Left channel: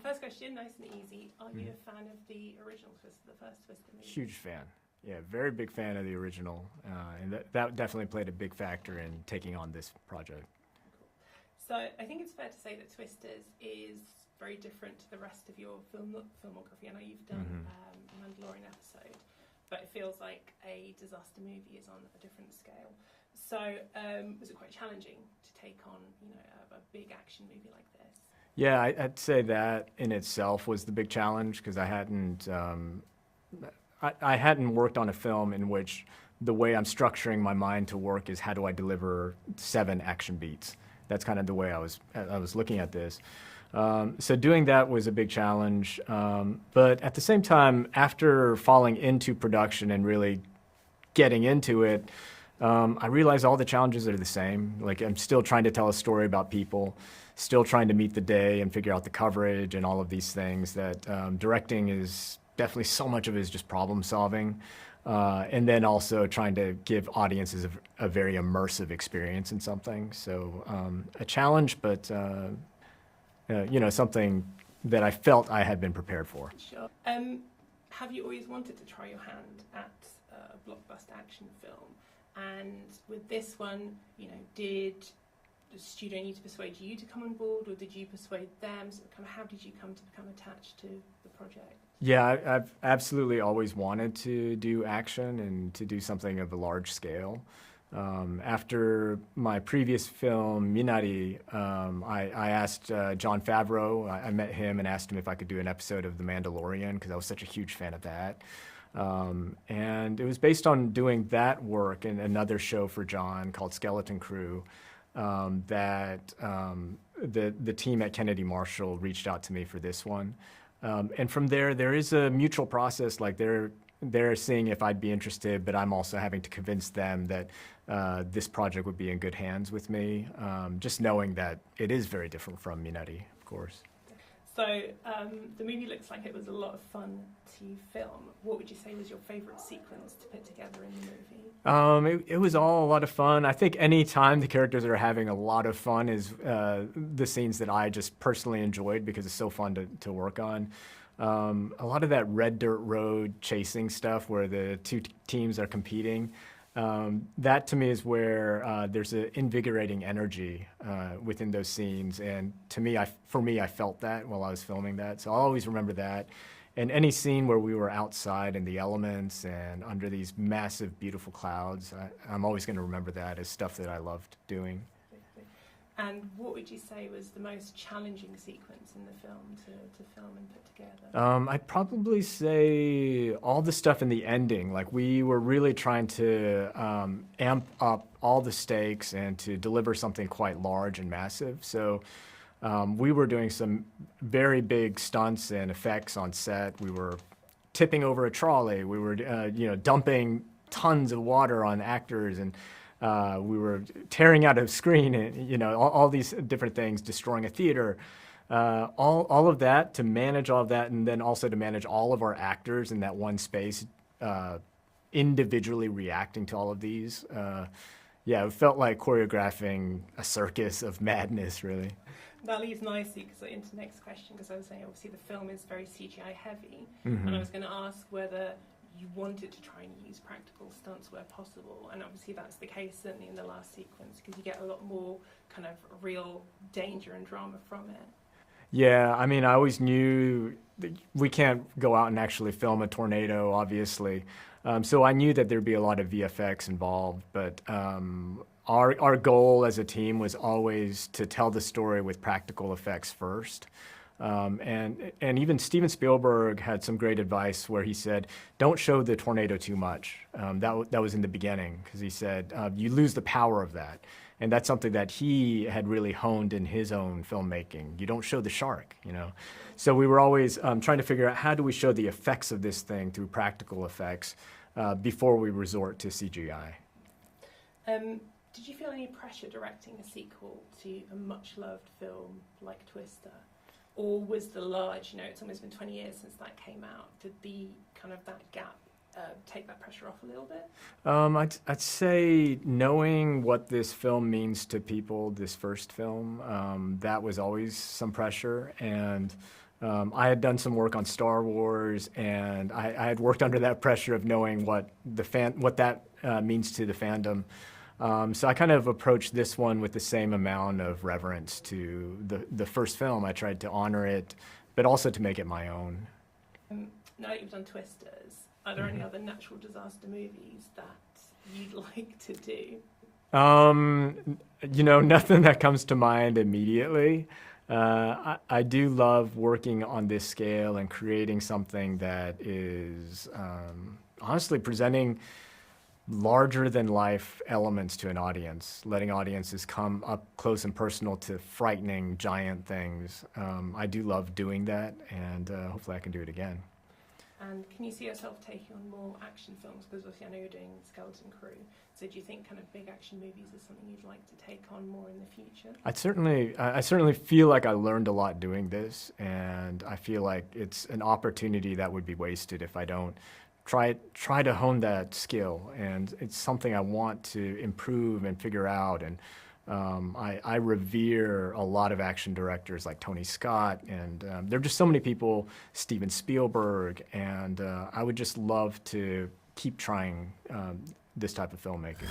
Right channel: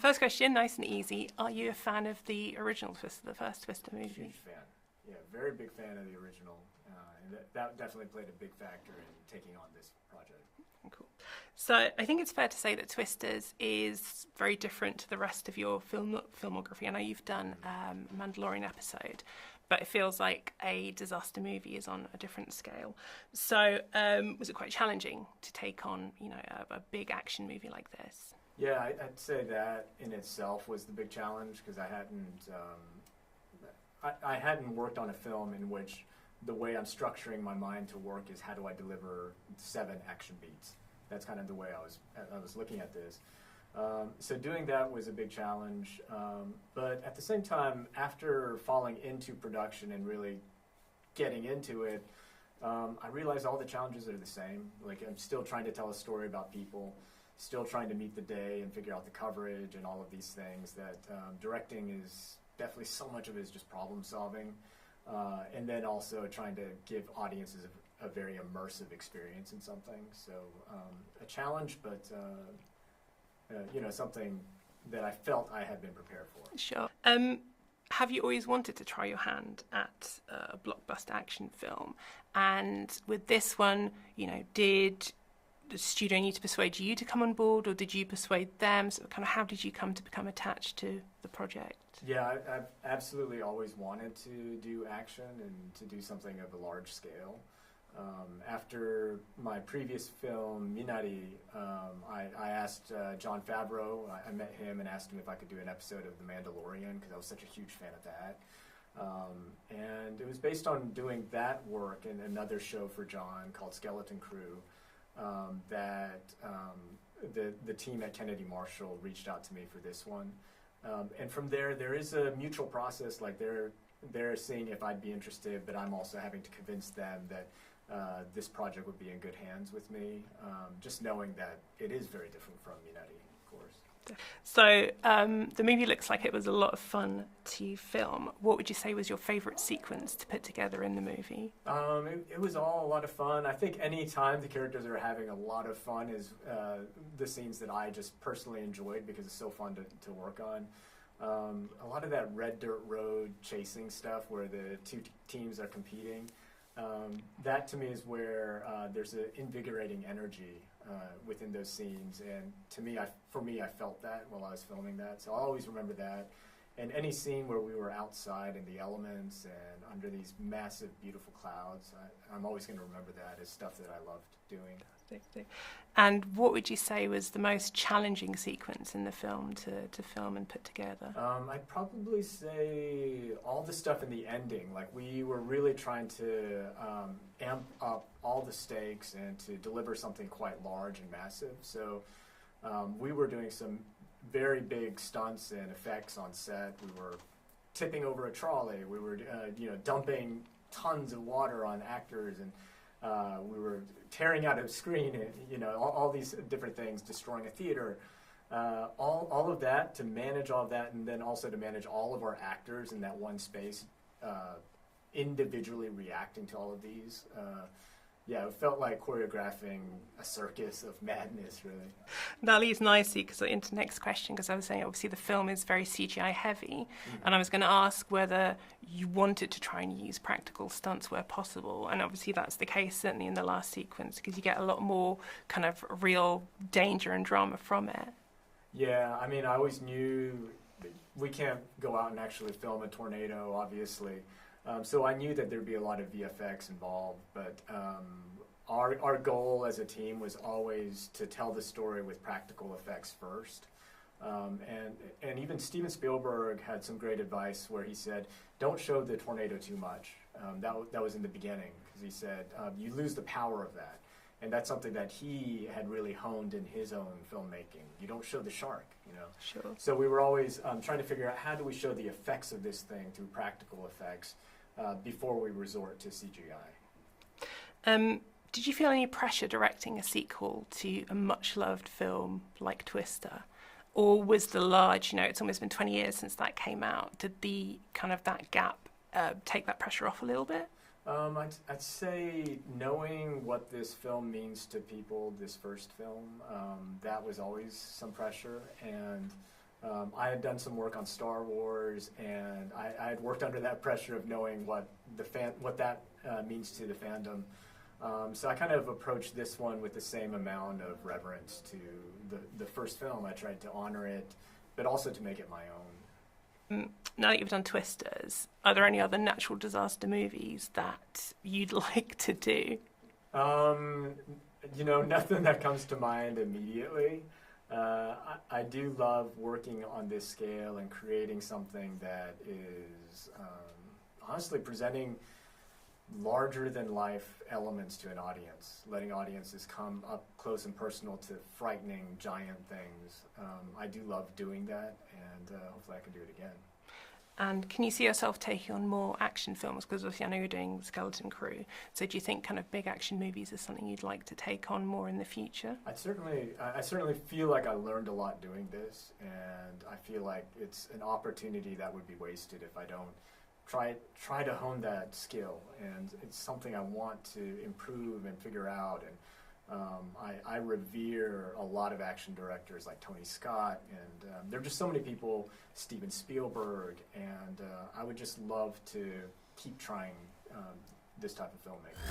First question, nice and easy. Are you a fan of the original Twister, the first Twister movie? Huge fan. Yeah, very big fan of the original. And that definitely played a big factor in taking on this project. Cool. So I think it's fair to say that Twisters is very different to the rest of your filmography. I know you've done a Mandalorian episode, but it feels like a disaster movie is on a different scale. So was it quite challenging to take on, a big action movie like this? Yeah, I'd say that in itself was the big challenge because I hadn't worked on a film in which the way I'm structuring my mind to work is how do I deliver 7 action beats. That's kind of the way I was looking at this. So doing that was a big challenge. But at the same time, after falling into production and really getting into it, I realized all the challenges are the same. Like I'm still trying to tell a story about people, still trying to meet the day and figure out the coverage and all of these things that directing is definitely so much of it is just problem solving. And then also trying to give audiences a very immersive experience in something. So a challenge, but something that I felt I had been prepared for. Sure. Have you always wanted to try your hand at a blockbuster action film? And with this one, did the studio need to persuade you to come on board, or did you persuade them? So kind of how did you come to become attached to the project? Yeah, I've absolutely always wanted to do action and to do something of a large scale. After my previous film, Minari, I asked Jon Favreau, I met him and asked him if I could do an episode of The Mandalorian because I was such a huge fan of that. And it was based on doing that work in another show for Jon called Skeleton Crew. That the team at Kennedy Marshall reached out to me for this one. And from there is a mutual process. Like they're seeing if I'd be interested, but I'm also having to convince them that this project would be in good hands with me, just knowing that it is very different from Minari, of course. So the movie looks like it was a lot of fun to film. What would you say was your favorite sequence to put together in the movie? It was all a lot of fun. I think any time the characters are having a lot of fun is the scenes that I just personally enjoyed because it's so fun to work on. A lot of that red dirt road chasing stuff where the two teams are competing, that to me is where there's an invigorating energy within those scenes, and to me, for me, I felt that while I was filming that, so I'll always remember that. And any scene where we were outside in the elements and under these massive, beautiful clouds, I'm always going to remember that as stuff that I loved doing. And what would you say was the most challenging sequence in the film to film and put together? I'd probably say all the stuff in the ending. Like we were really trying to amp up all the stakes and to deliver something quite large and massive. So we were doing some very big stunts and effects on set. We were tipping over a trolley. We were dumping tons of water on actors, and we were tearing out a screen, and all these different things, destroying a theater, all of that, to manage all of that, and then also to manage all of our actors in that one space, individually reacting to all of these. It felt like choreographing a circus of madness, really. That leads nicely into the next question, because I was saying obviously the film is very CGI heavy, and I was going to ask whether you wanted to try and use practical stunts where possible, and obviously that's the case certainly in the last sequence, because you get a lot more kind of real danger and drama from it. Yeah, I mean, I always knew that we can't go out and actually film a tornado, obviously. So I knew that there'd be a lot of VFX involved, but our goal as a team was always to tell the story with practical effects first. And even Steven Spielberg had some great advice where he said, don't show the tornado too much. That was in the beginning, because he said, you lose the power of that. And that's something that he had really honed in his own filmmaking. You don't show the shark, Sure. So we were always trying to figure out how do we show the effects of this thing through practical effects before we resort to CGI. Did you feel any pressure directing a sequel to a much-loved film like Twister? Or was the large, it's almost been 20 years since that came out, did the kind of that gap take that pressure off a little bit? I'd say knowing what this film means to people, this first film, that was always some pressure. And I had done some work on Star Wars, and I had worked under that pressure of knowing what that means to the fandom. So I kind of approached this one with the same amount of reverence to the first film. I tried to honor it, but also to make it my own. Now that you've done Twisters, are there any other natural disaster movies that you'd like to do? Nothing that comes to mind immediately. I do love working on this scale and creating something that is honestly presenting larger than life elements to an audience, letting audiences come up close and personal to frightening giant things. I do love doing that, and hopefully I can do it again. And can you see yourself taking on more action films? Because obviously I know you're doing Skeleton Crew. So do you think kind of big action movies is something you'd like to take on more in the future? I certainly feel like I learned a lot doing this, and I feel like it's an opportunity that would be wasted if I don't try to hone that skill. And it's something I want to improve and figure out. And I revere a lot of action directors like Tony Scott, and there are just so many people, Steven Spielberg, and I would just love to keep trying this type of filmmaking.